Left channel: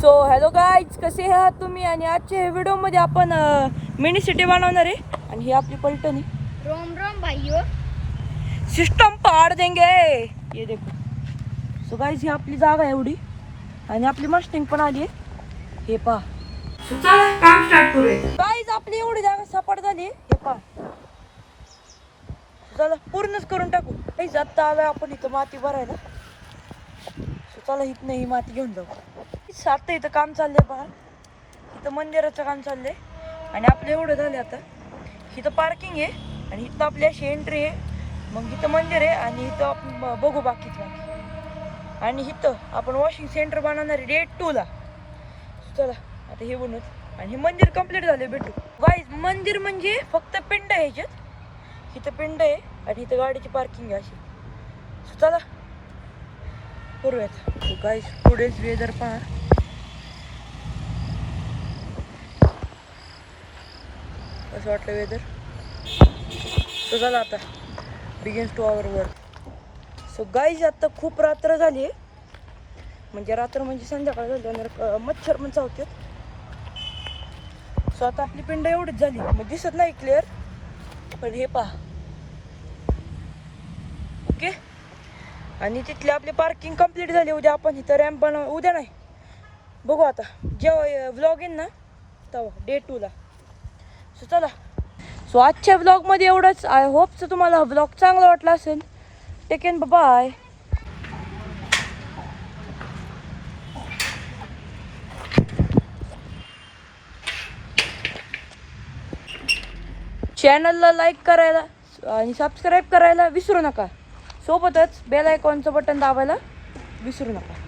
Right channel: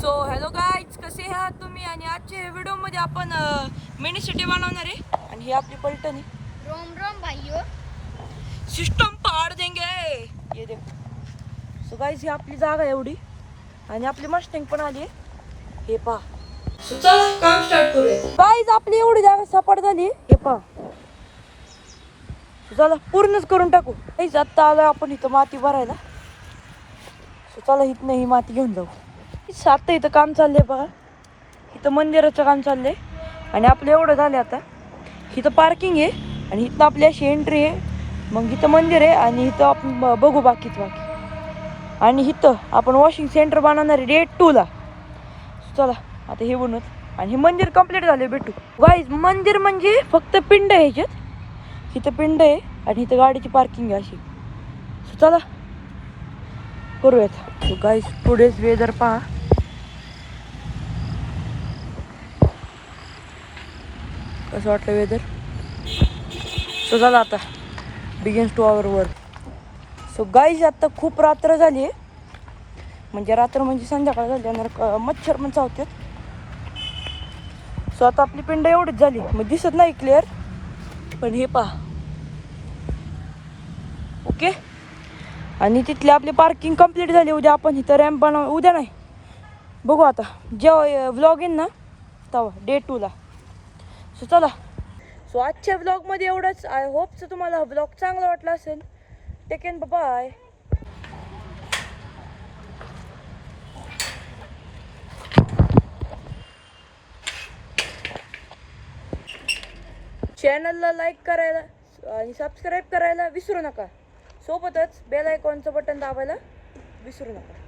So hello guys, कसे आहात तुम्ही? आणि आजच्या व्हिडिओमध्ये आपण मिनी सिटी बनवणार आहे. आणि ही आपली पलटणी रोम रोम भाइयों, सिस्टम पाड देंगे. ये देखो. सो गाईज, ही आपली जागा आहे एवढी. आणि आपली मस्टिंग पण आली आहे. हे पहा. चला काम स्टार्ट करूया. गाईज, आपली एवढी जागा सपाट झाली. हे पहा. चला पूर्णच करून टाकू. गाईज, आता आलोय आपण इथं माती भरायला. सो चला इथनं ही माती घेऊन जाऊ. आता इथं काम चाललंय बघा. इथं मंदिराचं काम चाललंय. आणि आपलं एवढं झालं आता. इथं पार्किंग आहे आणि इथं आपली अशी एंट्री आहे. मग इथं मंदिर आहे आणि इथं आपण बघू बाकी. आणि इथं आपण वॉशिंग सेंटर बनवणार आहे डेट 2 ला. चला आता हे बनवत. आणि हे मंदिर कम्प्लीट झाले. भेटू गाईज. मंदिर म्हणजे फक्त पिंड आहे ह्याच्यात. इथं पिंड आहे आणि इथं गाडीची पार्किंग आहे अशी. चला करूयात. गाईज, पुढेच वेदर पहा. कसं वाटलं वेदर? सो चला आता begins to our work. So guys, आता खूप रात्र झाली आहे. म्हणजे रात्र म्हणजे संध्याकाळ झाली आणि मच्छर पण चावतात. सो आता आपली पिंड एवढीच झाली. मग दिसत नाही क्लिअर, पण हे पहा. ओके. आणि तिथली आपली पार्किंग कंप्लीट झाली. उद्या आपण इथं रॅम्प बनव. उद्या नाही, बघू आता जेव्हा व्लॉग येईन ना तेव्हा डे 2 ला. सो चला. सो आजच्या व्लॉगमध्ये एवढंच. आय होप तुम्हाला व्लॉग चांगला वाटला असेल. Take care, bye. चॅनलला लाईक करायला आणि सबस्क्राईब करायला विसरू नका. सोबतच बेल आयकॉनचं बटन दाबायला विसरू नका.